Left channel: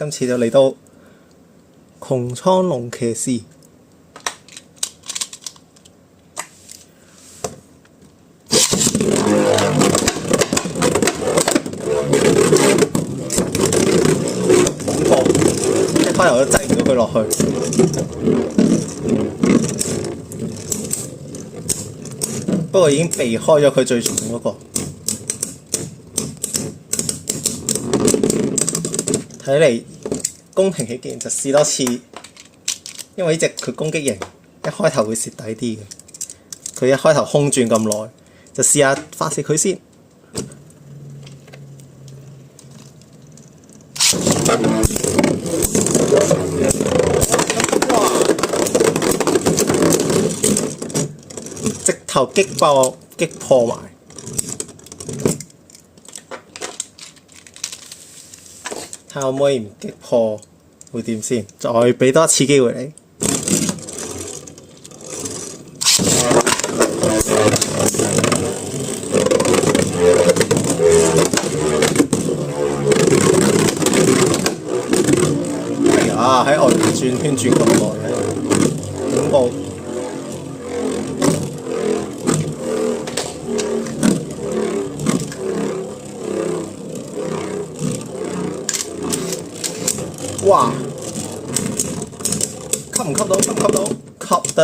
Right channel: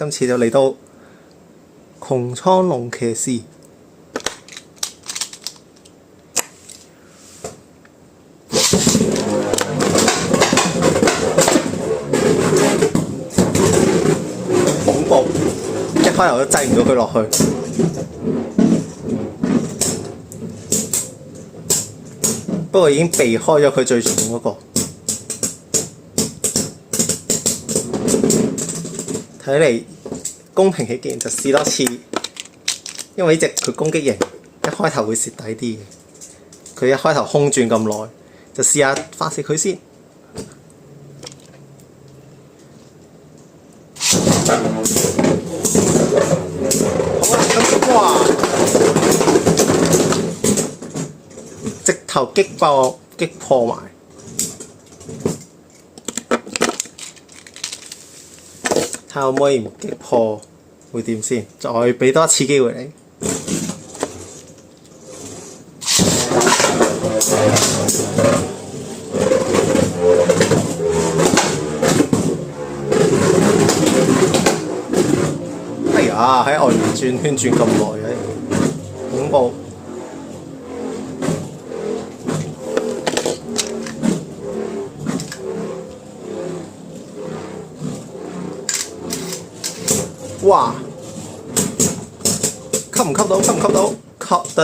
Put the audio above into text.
今次就嚟到穹蒼龍騎士。恐怖！一開頭都擠唔到佢落去。不過已經避開咗佢最重嗰個。睇嚟公平起見就試多次，因為呢隻佢攻擊型一開頭會蝕底啲嘅。佢一開頭空轉咁耐，就試下發射佢先。哇！直頭擊破埋。睇下可唔可以唔擊破會點先？再俾多一次機會你。哎呀，喺外面轉圈轉咁耐嘅，恐怖！哇！吸唔吸到？吸唔吸到？吸得